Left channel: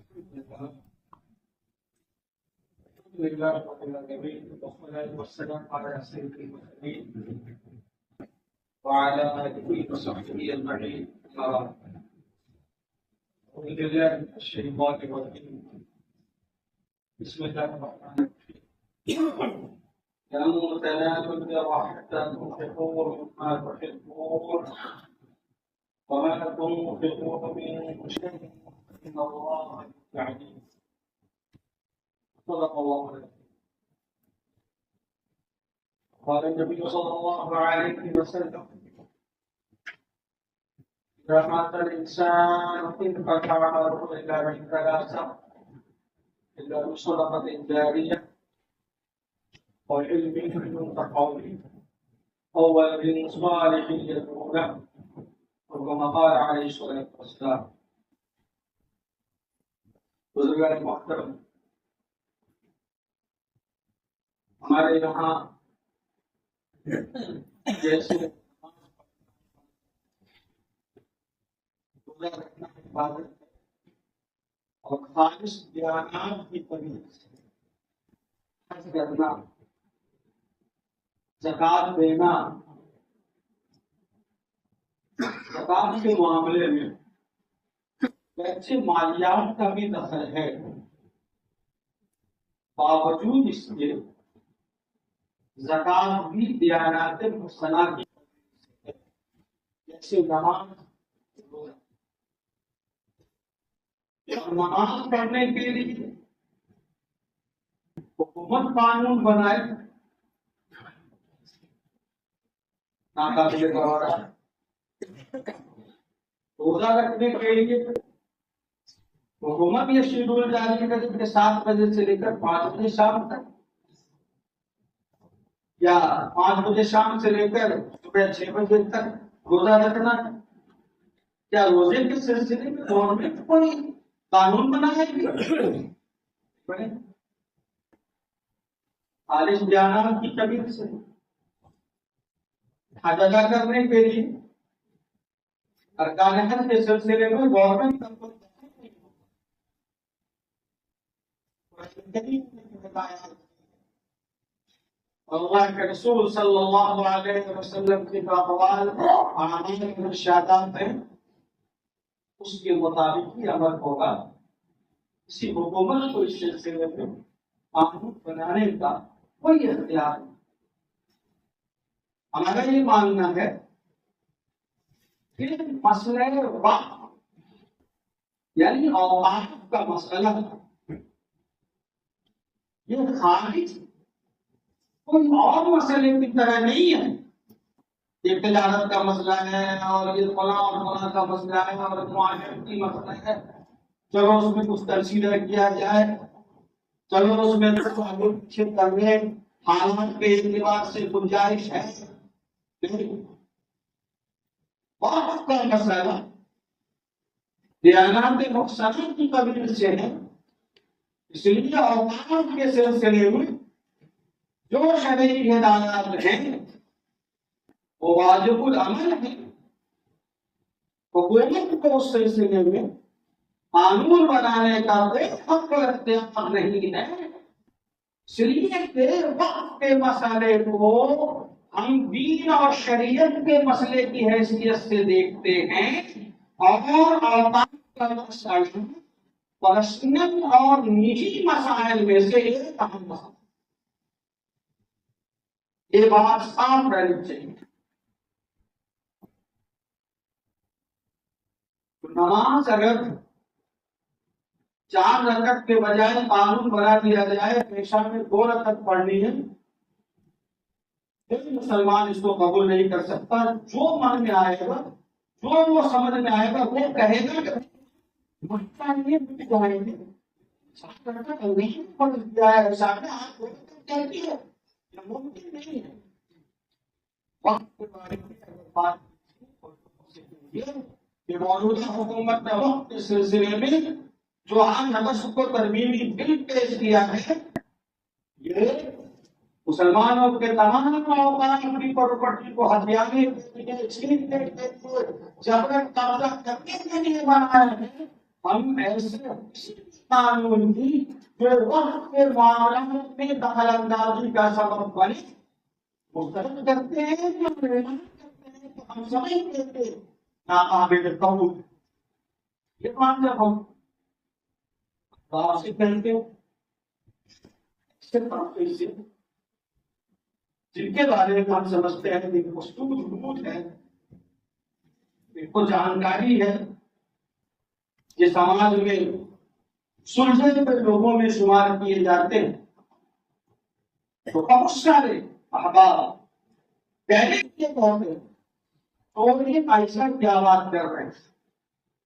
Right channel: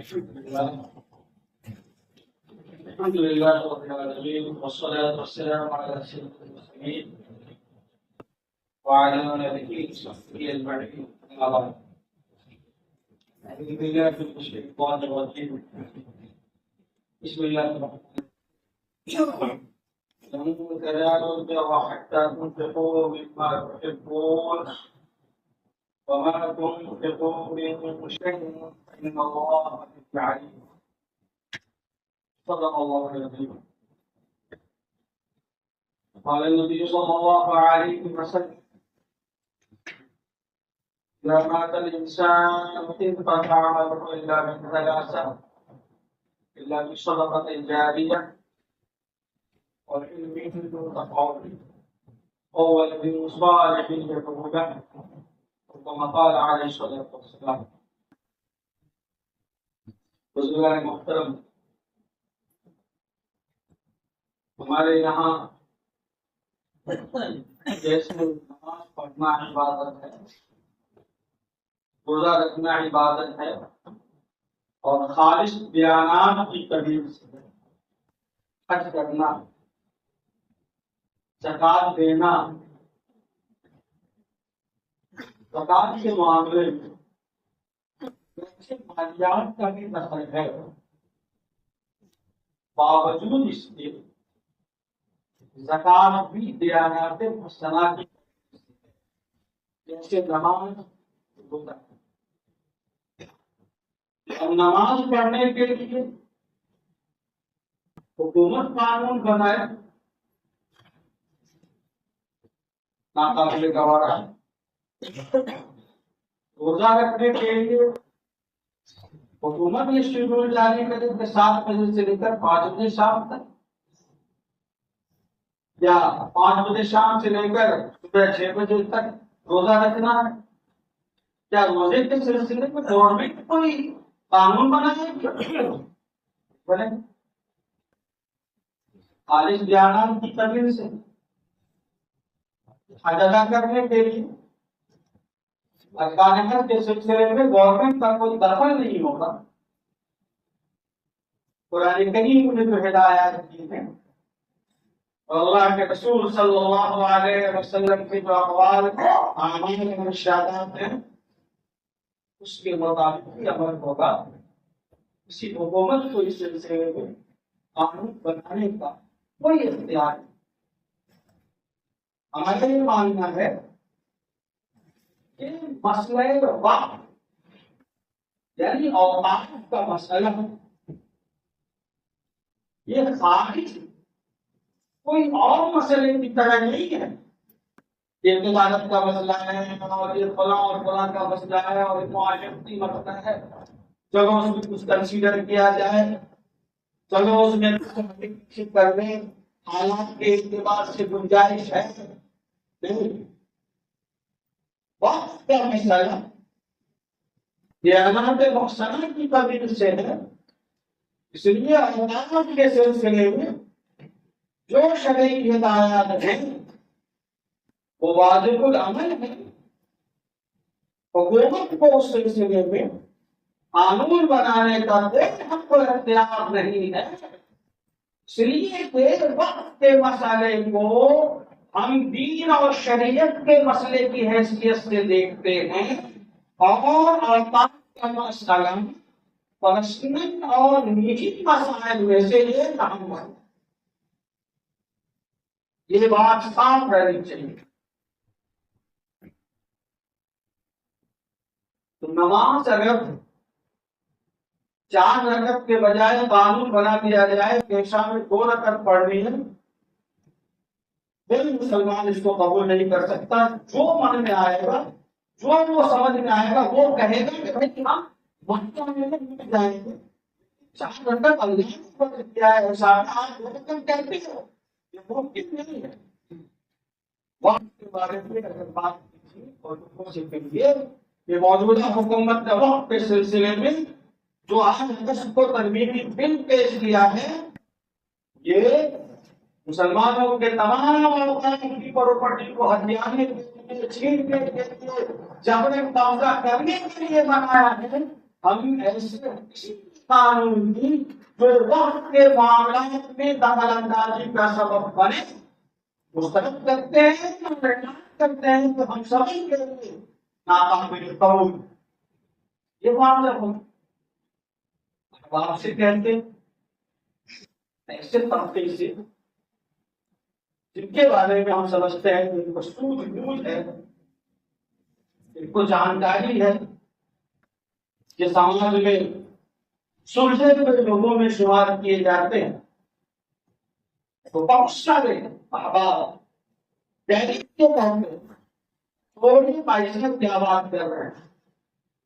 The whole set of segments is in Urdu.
الحمد لله رب العالمين والصلاة والسلام على سيد المرسلين وعلى آله وصحبه أجمعين. أعوذ بالله من الشيطان الرجيم. بسم الله الرحمن الرحيم. لن تنالوا البر حتى تنفقوا مما تحبون وما تنفقوا من شيء فإن الله به عليم. صدق الله العظيم. قال النبي صلى الله عليه وسلم: إذا مات الإنسان انقطع عمله إلا من ثلاثة، إلا بصدقة جارية وعلم ينتفع به أو ولد صالح يدعو له، كما قال عليه الصلاة والسلام. بزرگان محترم، ہمارے یہاں جیسے نماز پڑھنا عبادت ہے، روزہ رکھنا عبادت ہے، اور خالص بیانات کی طریق سے حج کرنا، زکوٰۃ دینا، زکوٰۃ کے معاملے میں ویسے مالیات کا بھی دخل ہے، باوجود اس کے زکوٰۃ بھی دیانات حسنہ کی ہے، جیسے نماز، روزہ۔ اب نماز پڑھنے کے لیے حکومت قانون بنائے، ناقابل گوارا۔ روزہ رکھنے کے لیے حکومت یہ شیڈول جاری کرے کہ 7 بجے سے لے کر 5 بجے شام تک، یا 5 بجے شام سے لے کر صبح 6 بجے تک روزہ رکھنا ہے۔ کیا روزے کے سلسلے میں گورنمنٹ کوئی قانون بنائے گی؟ بنے خالص بیانات کی طریق سے حج ادا کرنے کے لیے ارکان حج کے سلسلے میں گورنمنٹ کا کوئی دخل نہیں ہوگا۔ قرآن کریم نے جو ہدایات دی ہیں اور اللہ کے رسول صلی اللہ علیہ وسلم کے جو اقوال اعمال اور ارشادات ہیں، اس کے مطابق ہی عمل ہوگا۔ کسی حکومت کو اس سلسلے میں قانون بنانے کا کوئی اختیار نہیں۔ ہمارا یہ ماننا ہے کہ مسئلہ وقت یعنی اوقاف کا مسئلہ یہ خارج کوئی اور مسئلے کی طرح نہیں ہے۔ یہ تجارت کا مسئلہ ہے اور یہ فلاں اور فلاں کا مسئلہ ہے اور معاشرتی مسئلہ ہے، چلو اس میں کچھ کنسیڈر کیا جائے، چلو اس میں کچھ آگے پیچھے کرنے حالات کے اعتبار سے گنجائش ہے۔ نہیں، وقت کا مسئلہ دیانات محسنہ کی قبیل سے ہے، اس لیے اوقاف کے سلسلے میں جو شرعی ہدایات ہیں وہ واجب العمل ہے۔ حکومت کو اس سلسلے میں قانون بنانے کا کوئی حق و اختیار نہیں ہے، اس لیے کہ وقت کے مسئلے کو ہم دین اور شریعت کے مسئلے کی حیثیت سے دیکھتے ہیں، اور اوقاف کا مسئلہ پرسنل اور نجی مسائل میں سے ایک اہم ہے۔ یہ بات صاف رہنی چاہیے۔ تو نماز اگر 4 رکعت کے بجائے قانون بنا دیا جائے کہ شام میں 2 رکعت پڑھنی ہے، کوئی مسلمان اس کو قبول نہیں کر سکتا۔ جو من میں آئے گا، جو وہ سمجھ میں آئے گا، وہ کہے گا کہ ہم مٹ جائیں گے۔ 4 رکعت اللہ نے فرض کیا ہے، شام میں آپ 2 رکعت کہتے ہو، یہ ممکن نہیں ہے۔ وقت کے بارے میں اگر بات کی اور لوگوں سے کہیے کہ موجودہ حکومت نے وقت کے سلسلے میں جو آج اگست کو ترمیمی بل پیش کیا ہے، یہ مسلمانوں کے تمام اوقات کی پراپرٹی کو ہتھیانے کے لیے، چھیننے کے لیے، جبرن قبضہ کرنے کے لیے بنایا ہے۔ ہم ایسے کسی قانون کی جو وقت کے معاملات میں دخل اندازی کا سبب بنے مسترد کرتے ہیں جو اعلان کرتے ہیں تو ہم سبھی کے لیے ناقابل قبول. یہ معاملہ ہم آپ سے کہتے ہیں ایسے طبقے سے جن کے بارے میں ہم سمجھتے ہیں کہ ان کو سوجھ بوجھ ہے, ان کو جانکاری ہے کہ سماج میں سلجھے ہوئے لوگوں میں شمار کیے جاتے ہیں, تو بہت سارے احباب پہلے کے پہلے تھوڑی پیسہ کیا بات کر رہے ہیں,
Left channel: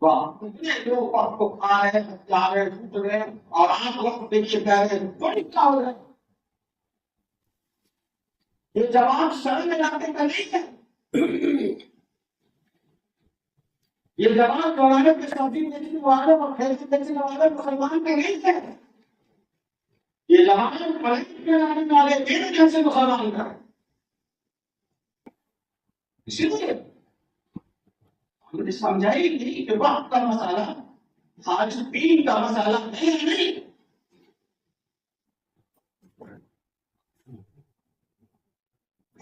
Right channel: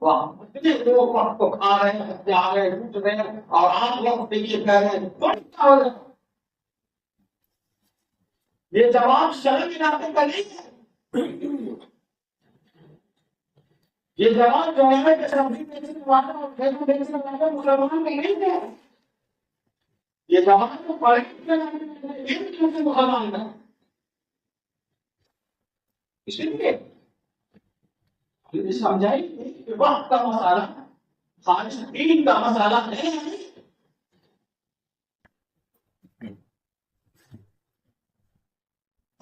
وہاں اتنے لوگ وقت کو کھا رہے ہیں, جا رہے ہیں, ٹوٹ رہے ہیں, اور آپ وقت پیچھے کہہ رہے ہیں تھوڑی کیا ہو رہا ہے. یہ جواب شرم علاقے کا نہیں ہے. یہ جواب جوانے کے سبزی بیچنے والے اور کھیتی بیچنے والے مسلمان کے نہیں تھے. یہ جواب پڑھے لکھے جانے والے میرے جیسے مسلمان کا. اسی لیے ہم نے سمجھائی نہیں کہ وقت کا مسئلہ خالص دین کا مسئلہ نہیں.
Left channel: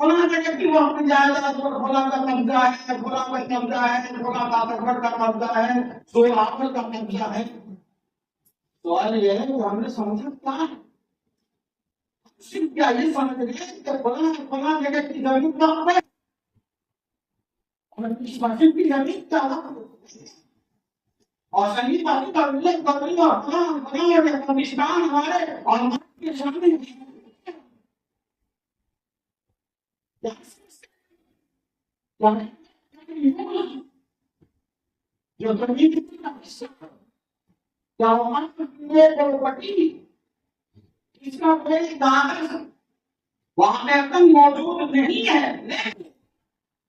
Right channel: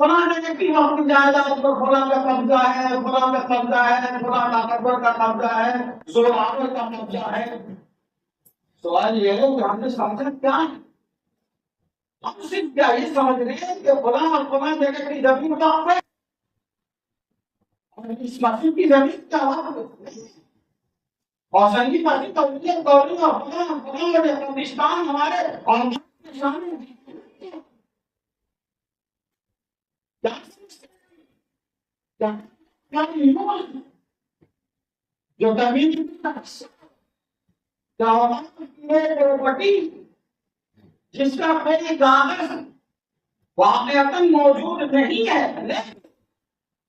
فلاں جگہ کی وقت جائیداد پر فلاں کا قبضہ ہے, فلاں کا قبضہ ہے, فلاں کا اکبر کا قبضہ ہے, زورآور کا قبضہ ہے. سوال یہ ہے کہ ہم نے سمجھا کیا ہے؟ ہم صرف کیا یہ سمجھ رہے ہیں کہ فلاں اور فلاں جگہ کی زمین وقف ہے اور اس مسجد کی زمین کیا وقف ہے, اور سنگی مسجد اور ملت گوری اور فلاں اور افغانستان ہمارے اور کے شامل جو زمین پروپرٹی جس کا کوئی کاغذ واقعتاً موجود نہیں ہے, لیکن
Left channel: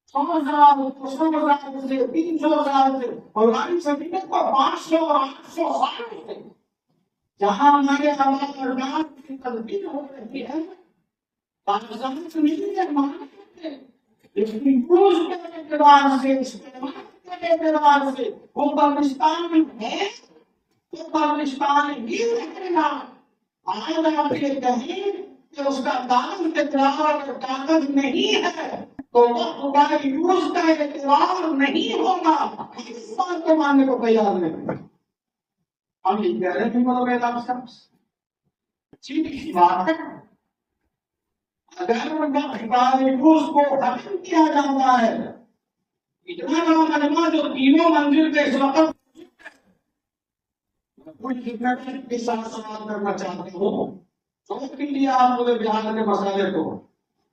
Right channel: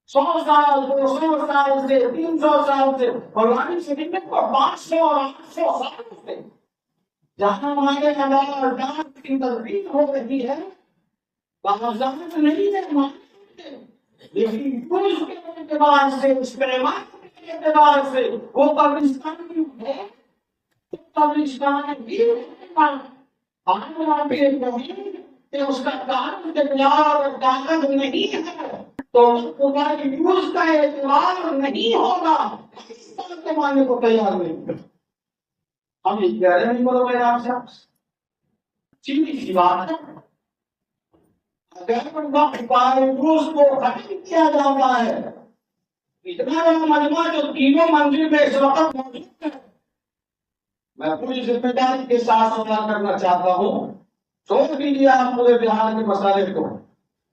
100 سال 200 سال سے 300 سال سے پرانی صدی میں کو 500 اور 800 سال سے جہاں ہمارے حوالہ جات کی تدبیر ہو رہی ہے کاغذات نہیں ہے مانتے, لیکن یوز کے اعتبار سے استعمال کے اعتبار سے وہ قبرستان ہے تو قبرستان ہی رہے گا. آج آپ یہ کہیں کہ اس کا کاغذ اقرار اور کاغذ نہیں ہے تو وقت کا یوز کا اعتبار نہیں ہوگا. اس بات کو ماننے کو تیار نہیں. ہم یہ کہہ رہے ہیں بولو میرا آپ سے سیدھی سی بات ہے, اگر وقت کا یوز کو ختم کیا جاتا ہے, اتنا بڑا مجمع جو تینوں منزل میں اس وقت موجود ہے, میں پوری ذمہ داری کے ساتھ سوال کرنا چاہتا ہوں. چھوڑ دیجیے آپ پورے بہار کے مسئلے کو,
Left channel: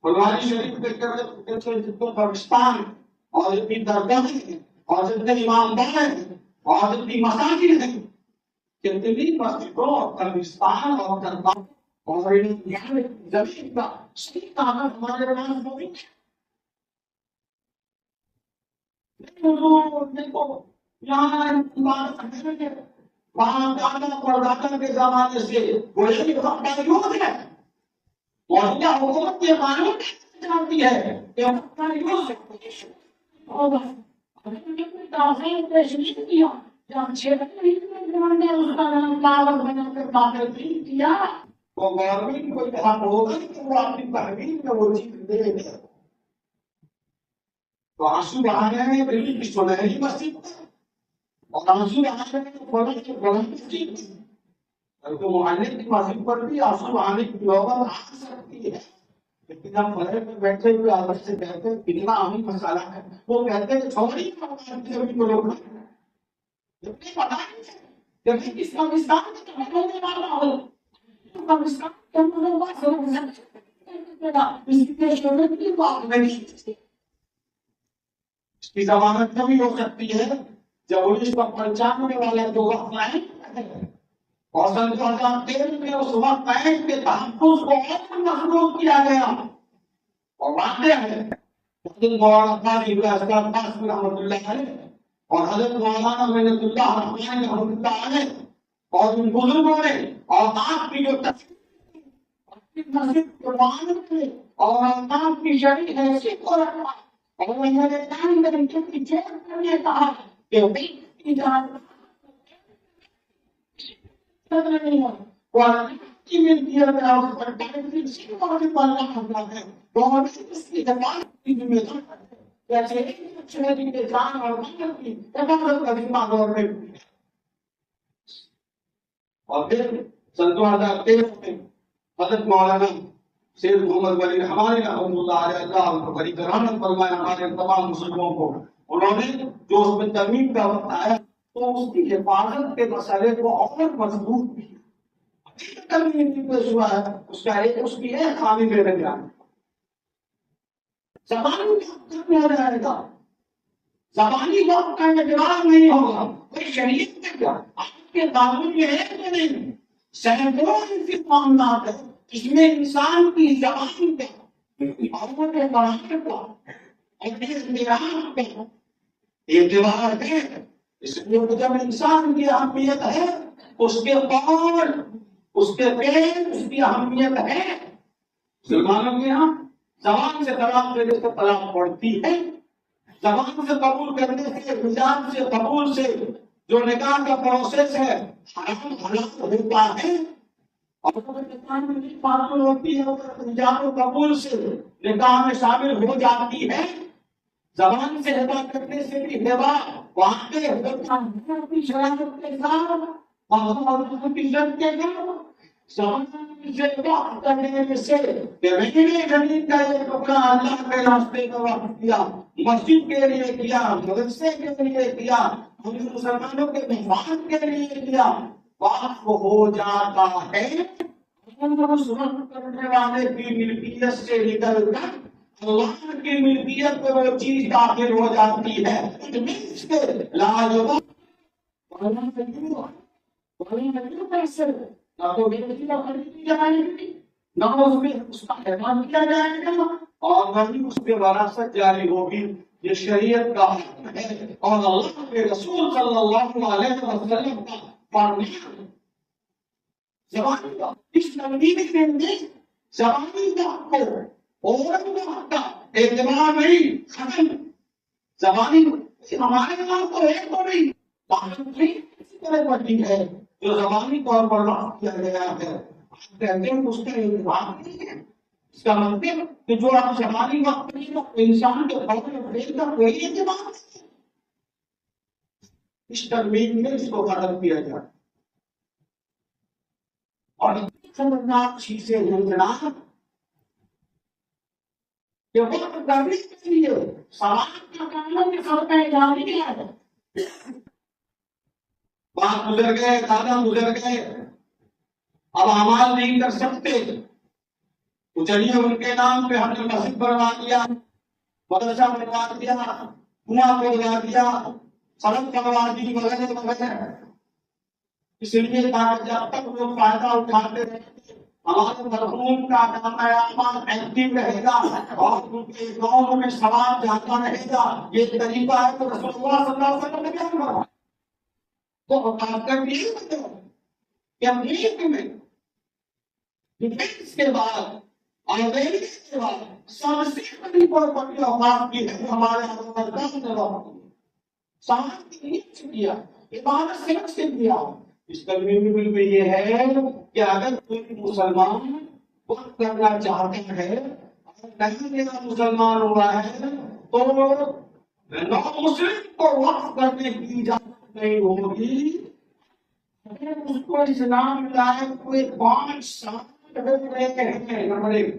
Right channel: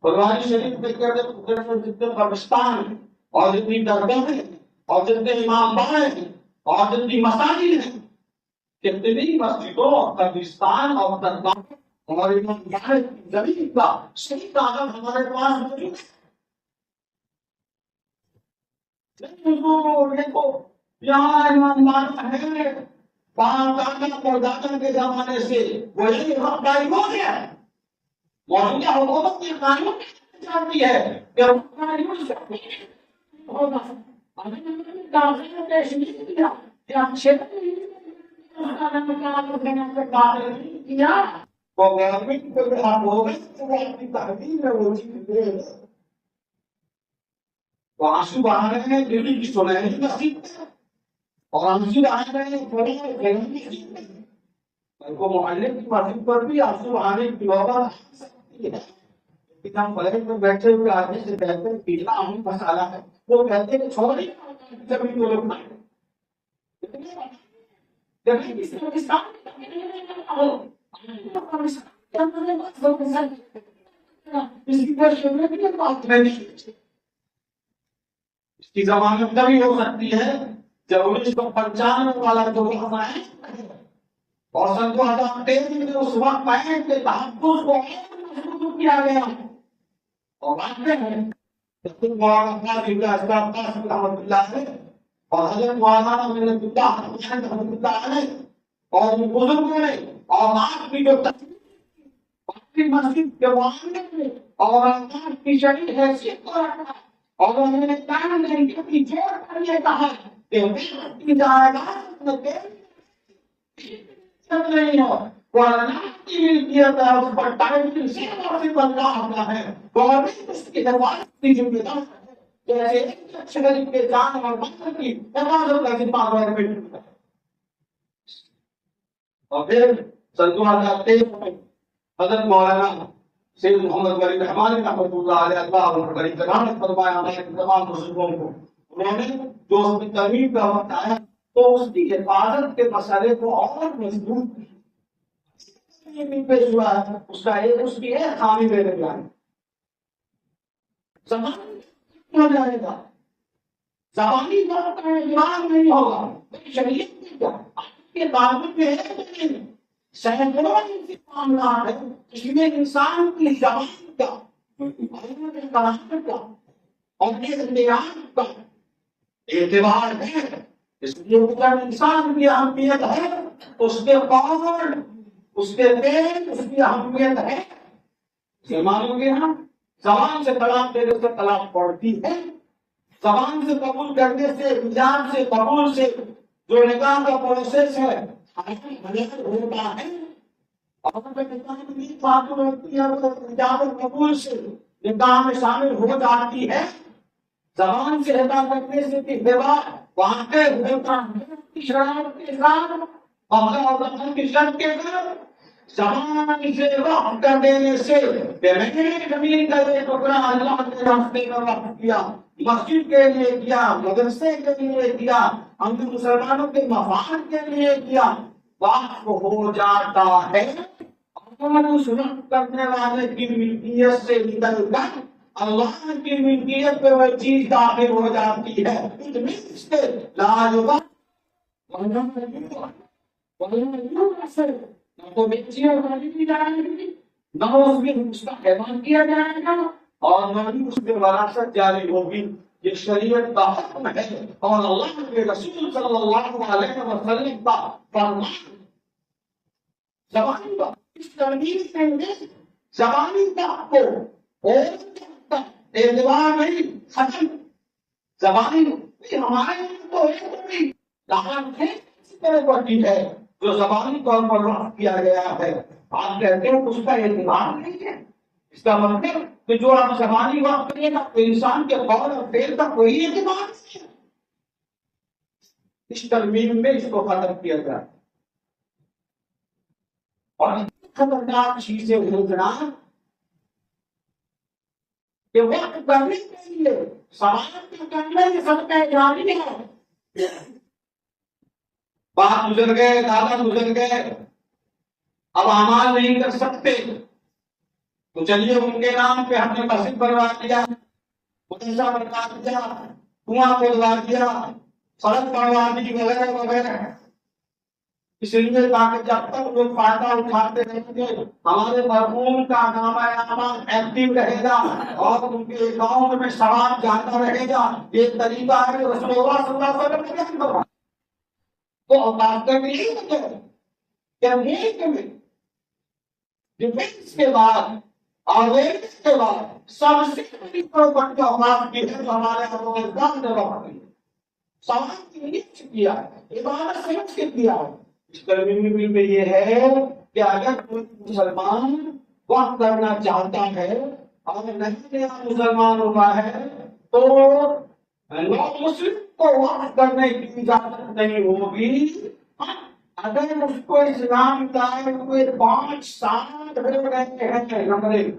بلواری شریف میں جتنے قبرستان اور جتنی درگاہیں اور جتنے امام باڑے ہیں اور جتنی مساجد ہیں, کتنی مسجدوں اور قبرستان اور درگاہ اور زمین کا صحیح کاغذ ہمارے پاس موجود ہے. نہیں حضور دیکھو یہاں ایماندار ہے, وہاں دادا پردادا کے زمانے سے وہی وقت کا یوز ہے. موجودہ حکومت یہ قانون چاہتی ہے کہ وقت کا یوز ہوگا. تاخیر پیش نہیں کیا کہ ہم 6 مہینے میں اس کا نام کاغذ بنا کر داخل نہیں کیا. وہ گورنمنٹ کو جو حق ہوگا تو وہ اپنی تحویل میں وہ چیز دے گا. تو آنسو بہا رہے ہیں دلی کی سنہری مسجد میں اور آنسو بہا رہے ہیں فلاں مسجد میں, بلکہ محلے کی مسجد پر بھی آنسو بہانے کی نوبت آ سکتی ہے. لیکن ہم فلیٹ میں بیٹھے ہوئے آدمی سے کہتے ہیں پینا اہم مسئلہ ہے, وہ کہتے ہیں چھوڑی زمین کو روکنا ہے. لیکن پتا نہیں کس پاکستان میں رہنے والا ہو اس کی ضمانت تبھی ہو سکتی ہے جب 1995 والا جو وقت ہے اور 2013 میں اس وقت عین کے تحفظ کو اور مضبوط کیا گیا. اور واقع ہے مولانا قاضی رحمۃ اللہ علیہ اور حضرت مولانا منت اللہ رحمۃ اللہ علیہ اور ان بزرگوں نے اور آپ کی جو مسجد کے معاملے میں اور آپ کی شریک حیثیت کو رکھا اور انہوں نے کام کرنے کی چیز کرنے کہا کہ جائے گا نہیں ہو وہ اللہ کی ملکیت ہے، اس پر ٹائٹل صرف اور صرف اللہ کا ہے، گورنمنٹ اس کی حفاظت کی ذمہ دار ہے، جیسے ایک شہری کے جان اور مال کی حفاظت کا ذمہ گورنمنٹ کی ہے۔ اور پھر سن 2013 میں حضرت مولانا سید محمد ولی رحمانی رحمۃ اللہ علیہ، اللہ ان کو بڑی کرامت فرمایا، ہمارے تمام بزرگوں کو، انہوں نے جو اس میں ترمیم کا وقت آیا تو اس کی حفاظت کے مسئلے کو اور مضبوط کیا، ترمیم بھی پیش ہوا ہے، اس کی ایک خامی میرے بیان زبانی وقت ختم ہو جائے گا، زبانی وقت کا اعتبار نہیں ہوگا، بھائی شریعت میں کیا آپ کے قانون میں ہے تو نہیں، سینکڑوں ایسے معاملات ہیں جس میں انسان کی زبان کا اور وہ کے کلام کا اور اختیار کا اعتبار ہے، اس لیے جب انسان کی اہمیت ہے اس کے قول، اس کے فعل، اس کی اہمیت ہے۔ مسلمانوں کے یہاں زبان سے طلاق دینے سے طلاق پڑتی ہے، زبان سے قبول کرنے سے، حجاب سے قبول سے جو نکاح کا پروسیس ہے حرام حلال ہوتا ہے، اور جو نکاح میں بات ہوتی ہے وہ حجاب و قبول سے نکاح میں شامل ہو جاتی ہے۔ زبان سے ادا کرنے سے بھی ہوا واقع ہوتا ہے کی شرائط کے ساتھ، اور کی شرط کے ساتھ زبان سے وقف کر دینے سے کہ میں نے زمین کا یہ ٹکڑا اللہ کے راستے میں وقف کیا، مسجد کے لیے کیا، مدرسے کے لیے کیا، ہم مسلمانوں کے مفاد کے لیے کیا، وقف ہو جاتا ہے، اور اس وقف کرنے والے کی ملکیت سے نکل کر اللہ کی ملکیت پہ وہ چیز داخل ہو جاتی ہے۔ لا نہ تو بیچی اور خریدی جائے گی، نہ اس میں اس کا حفاظت کیا جائے گا، اور نہ ہی اس میں وراثت جاری ہوگی۔ یہ شریعت کا حکم ہے اور اللہ کے رسول صلی اللہ علیہ وسلم کا فرمان۔ زبانی کا اس تنظیم کے اندر زبانی کا کو اور کا اعتبار نہیں، ختم۔ زبانی ہمارے یہاں تو ہے تو نہیں، کہاں ہے اسی طرح پر چیز ہے جو زبانی طور پر وقف کیا گیا ہے، آپ کہتے ہیں اس کا اعتبار نہیں ہے، اس کا مطلب کہ جو آپ زبانی وقف کریں گا انسان کے قول اور فعل کا کوئی اعتبار نہیں ہے۔ اس ترمیم میں اس کو ختم کیا جائے، اور خطرناک چیزیں ہونا کہ وقت کرنے کے لیے سوال کا کرنا یہ سب پہ جاری ہے۔ باپ گزر گئے، دادا گزر گئے، اب اعمال نہیں کر سکتے تو چلیے ان کے نام پہ ہم نے مسجد بنوا دیا، مدرسہ بنوا دیا، کنواں کھودوا دیا، سڑک بنوا دی، وغیرہ وغیرہ، اس لیے تاکہ جب تک لوگ فائدہ اٹھاتے رہیں گے ہمارے مرحوم کا نامہ اعمال ایکٹیو رہے گا اور ان کے اکاؤنٹ میں ثواب جاتا رہے گا۔ یہ طریقہ ہے کہ رسول اللہ صلی اللہ علیہ وسلم نے بیان کروایا۔ تو اوقات کا بھی یہی مطلب ہے کہ ہم ایک میں ڈیفینس کے بعد اویئرنیس کے بعد سب سے بڑی پراپرٹی اوقات کی ہے جو ہمارے افغانستان نے وقت کی، ثواب کی نیت سے کیا، عبادت سے رکھ کے کیا۔ اس ترمیم میں یہ ہے کہ اگر کوئی مسلمان وقت کرنا چاہتا ہے اور نہیں نیا مسلمان ہوا ہے تو نو مسلم کو وقت کرنے کی اجازت نہیں ہوگی اگر اس کو اسلام لائے ہوئے 5 سال ہو گئے ہیں۔ نمبر 1۔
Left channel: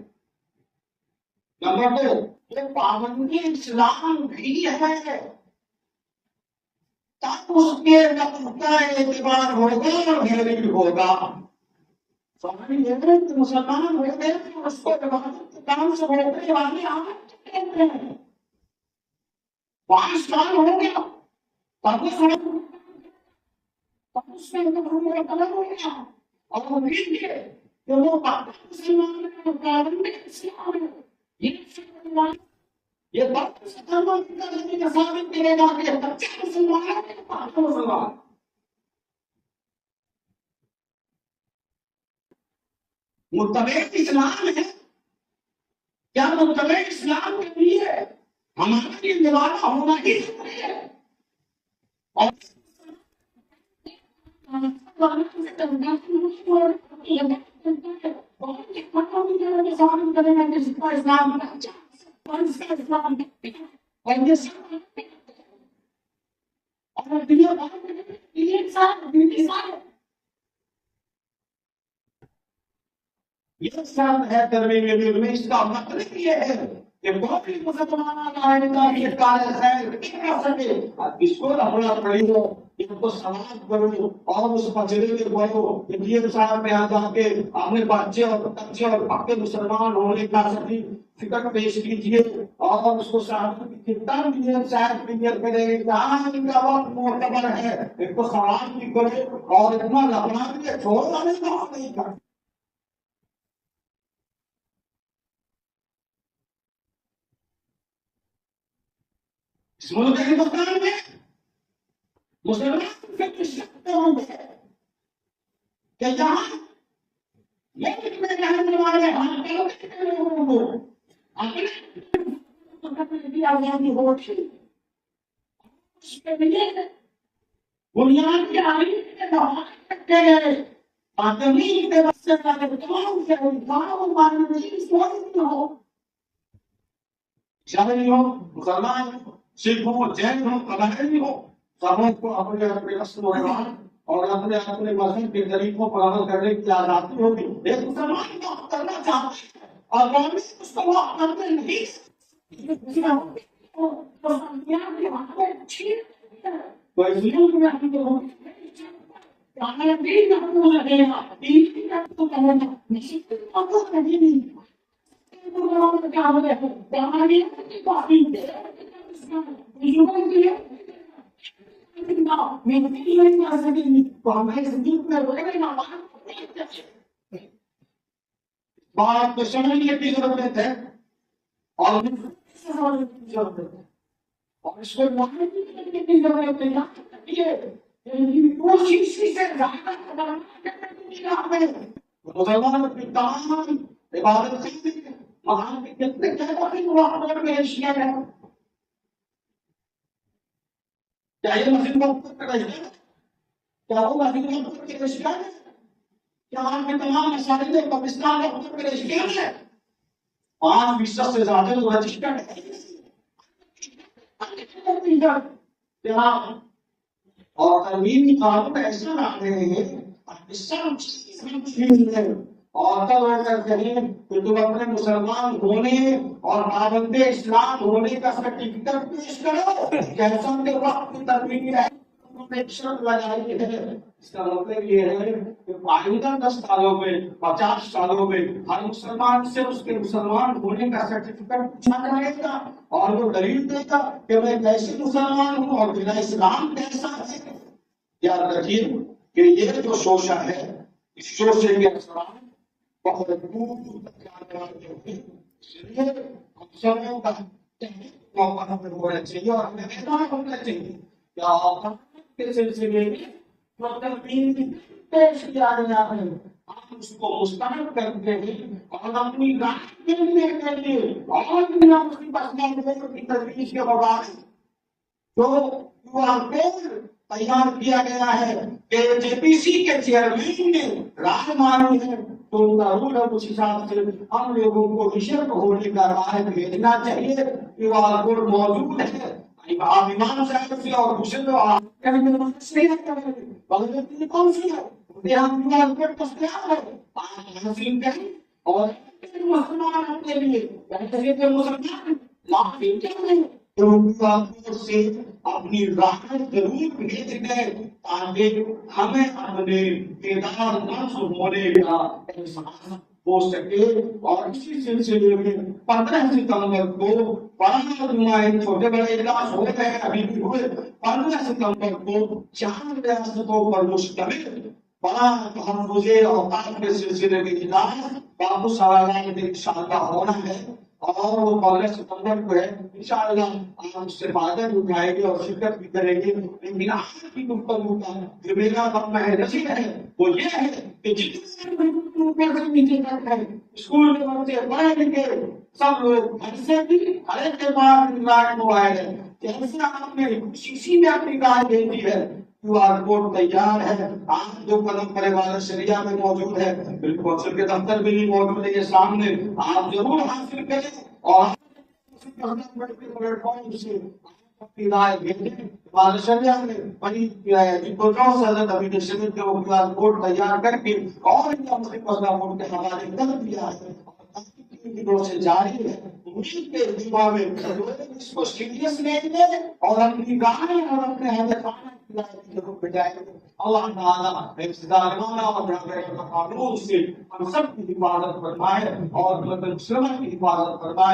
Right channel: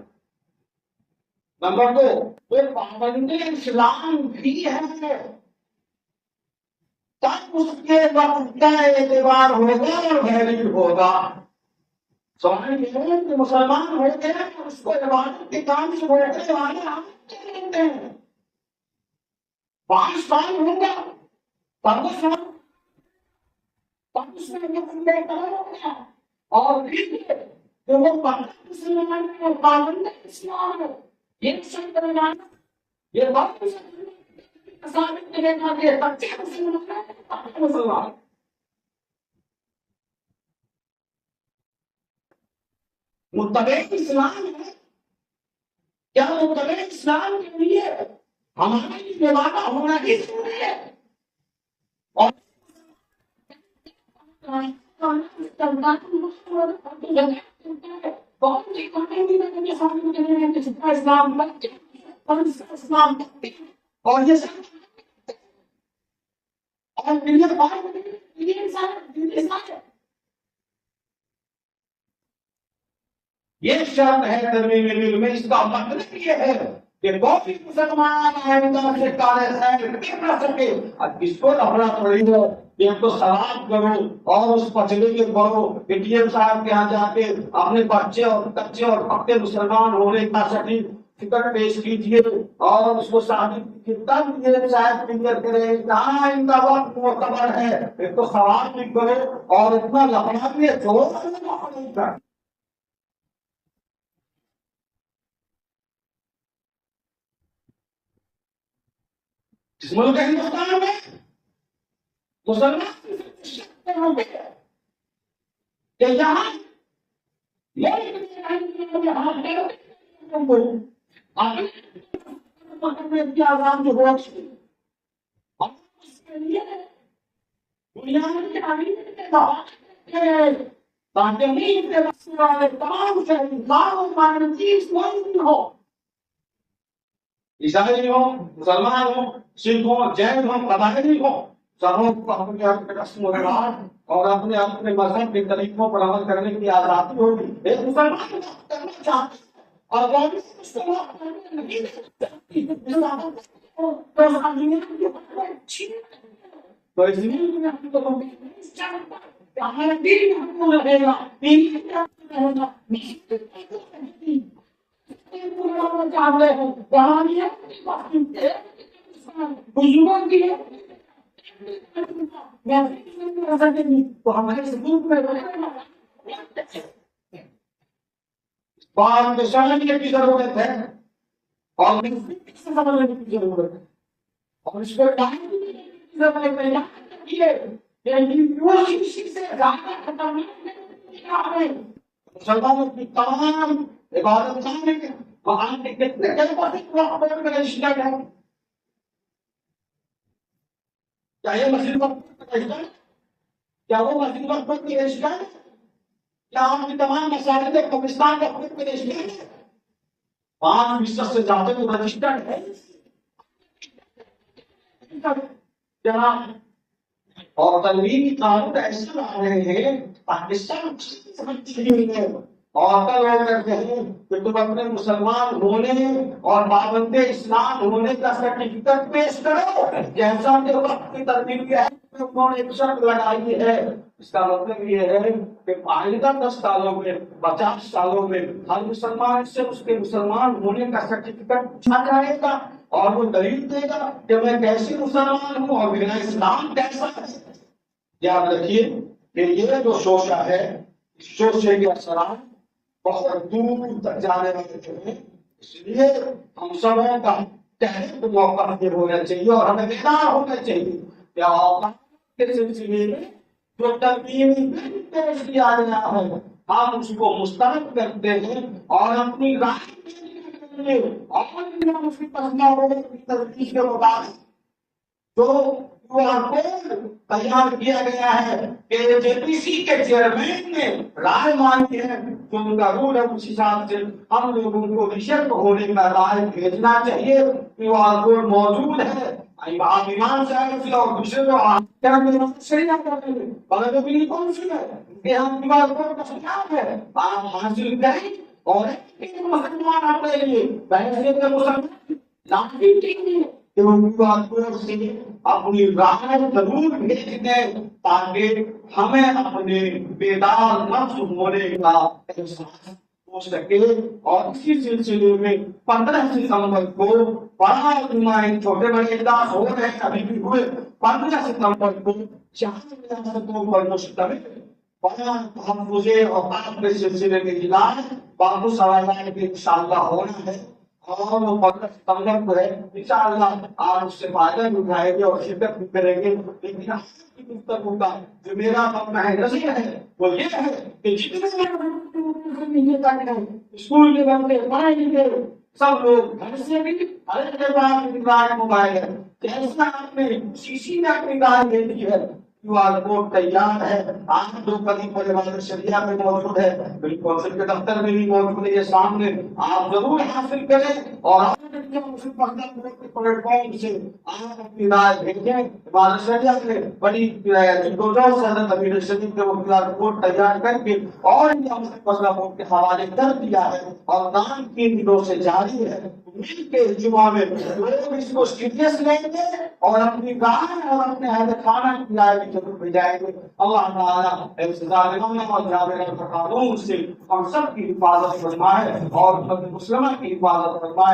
نمبر 2، وہ پابند اسلام بھی ہے، تب اس کے وقت کا اعتبار ہوگا اور ویلیڈ ہوگا۔ سوال یہ ہے کہ مسلمان ہو گئے اس کو عبادت کے کام سے روکنے والے آپ کیا کہتے ہیں؟ 5 سال ہوگا تب اس میں قلم ہو گیا، اور پھر یہ کہ وہ پکا مسلمان ہے اور پابند اسلام ہے، یہ سب کروانا یہ بات سے ثابت کرے گا کہ بچے مسلمان ہیں، مسلمان متبع اسلام ہے۔ کیا متبع اسلام کے لیے ہمارا یہ نوازا ہونا ہی ضروری ہے؟ اور اور یہ سب اور یہ شرط ہے ترمیم دل میں. اس کا مطلب یہ ہے کہ کوئی مسلمان آئندہ کے کار خیر نہیں کر سکے. اب اس کو لفڑا پڑے گا کہ ہم تو سلام کرو اور اس پچھلے کے پڑھو کہ ڈی ایم صاحب میں آ جا کے اپنے بچے اور کچے اور پکے مسلمان ہونے کا سرٹیفکیٹ پیش کیجیے اور اس کو شاید کلیئر کرے جہاں ان کا وقت معتبر ہے. ایک تو سوال بھی کرو اور اتنا لفڑا بھی چھوڑو نہیں کر. اس ملک کے ہندوستان میں مسلمان ہوں گے کہ جہاں ملک میں رہنے والے ہم لوگوں کو اپنے کی آزادی ہو چکی اور اس کے لیے بنیادی آئین کے دفعات رکھے گئے تاکہ ملک کے بسنے والے تمام شہری چیز کوئی بھی ہو، عیسائی ہو، مسلمان ہو، سکھ ہو، جین ہو، قبائلی ہو، سبوں کو اپنے اپنے رسم و رواج اور اپنے اپنے مذہب کے طریقوں پر عمل کرنے کی آزادی ہوگی. ایک مسلمان وقت کرنا چاہتے ہیں اور گورنمنٹ اس کو وقت کرنے نہیں سکتی تو اس لیے ہم تو ہمارا دین محفوظ رہے گا، دین محفوظ رہے گا، محفوظ نہیں بزرگوں کی بات میں سمجھنے کی ضرورت ہے اور سمجھنے کی ضرورت ہے اور اس کو ڈالنے کی ضرورت ہے. مسلمانوں کی تمام عبادت خانے کے وہاں کے کتنے وقت میں اشیاء ہے. کیا یہ مسجد وقت کا رشتہ ہے؟ کیا وہ مسجد وقت کی رشتہ ہے؟ کیا آپ کے تمام مساجد قبرستان وقت کے رشتہ ہے؟ 5% سے زیادہ رجسٹرڈ ہے اور تنظیمی قانون ایسا لا رہے ہیں تاکہ سب چیز اور لوگ کہتے ہیں کہ تم اپنے مسلمان ہونے اور پابند اسلام ہونے کا سرٹیفکیٹ پیش کرو جیسا کہ وقت کی ترتیب ہے. انہوں نے ایک شرط لگائی ہے. اس کا مطلب یہ ہے کہ آئندہ 10 سالوں میں 50 سالوں میں ہر مسلمان سے اس کے مسلمان ہونے کا سرٹیفکیٹ پوچھا جائے گا اور وہ دلیل دے گا کہ میں کیسے مسلمان ہوں اور میرا اسلام کیسا ہے. یاد رکھیے کہ یہ جو شوشہ ہے اس شوشے کے اثرات بہت دور تک جانے والے ہیں. اس لیے ہم سبوں کا تحریک موقع ہونا چاہیے اور ہمیں بیدار ہونا چاہیے کہ اوقات کے سلسلے میں جو ترمیم پیش کیا گیا ہے ہم اس کو مسترد کرتے ہیں اور اپنی رائے دینے کے لیے اور بنا اس کی پسندوں کی تجویز کے مطابق جو کوڈ تیار کیا گیا ہے کہ جے پی سی کے چیئرمین نے رائے مانی ہے تو ان کا رول ہے اس حساب سے ہم لوگوں کو ریشت ہونے کا رائے بھیجنا چاہیے. کیوآر کوڈ موجود ہے. آپ امام صاحب سے اور دوسرے تو بغیر کون سی ہے کیوآر کوڈ دستیاب ہے آپ حاصل کریں اور مسلمان اپنے لیے بحیثیت مسلمان لاکھیں کیوآر کوڈ سے اپنی رائے ضرور بھیج دیں تاکہ ہمیں اپنے بیدار نفس ہونے کا احساس ہو سکے. اور اسی سلسلے میں 15 ستمبر کو بڑا چھوٹے بڑے اجلاس ہو رہے ہیں ابھی بھی ہوئے. 15 ستمبر کو 4 ریاستوں پر مشتمل بڑا تحفظ اوقاف کے سلسلے میں اجلاس بابو سوالات انشاءاللہ ہونا ہے اور وہ 15 ستمبر کو ہے. انشاءاللہ آپ اس سے فائدہ بھی اٹھائیں گے اور شرکت بھی کریں گے. لیکن آج کی گفتگو کا جو میرا اپنا نظریہ ہے وہ یہ ہے کہ جتنے اسکول کے بچے پڑھے لکھے سب لوگ گھر سے بھی ہر ایک کے پاس اینڈرائڈ موبائل ہے. جیسا آپ نے سی سی میں اپنی رائے بھیجی ہے QR کوڈ تیار ہے، آپ 2 قدم پر عبادت شریعہ میں موجود ہے، بالکل کونسل کے دفتر میں ہی موجود ہے، یہ سامنے آپ ضرور حاصل کریں اور پلیٹ فارم سے آپ اپنی رائے بھیجیں۔ عبادت شریعہ میں بڑی جدوجہد سے حضرت امیر شریف کے وہ QR کوڈ تیار کر کے اور مسلم مسئلہ بورڈ کے حوالے کر دیا ہے اور کام 3 دنوں سے جاری ہے۔ مل کے جمعہ میں لوگ اس کو سیریس لیں گے اور اپنی رائے اور اپنے اہل خانہ کی رائے بھی ضرور بھیجائیں گے۔ اللہ تعالیٰ اس ظالمانہ اور جابرانہ قانون سے ہم سب کی حفاظت فرمائے اور امت مسلمہ کی حفاظت فرمائے۔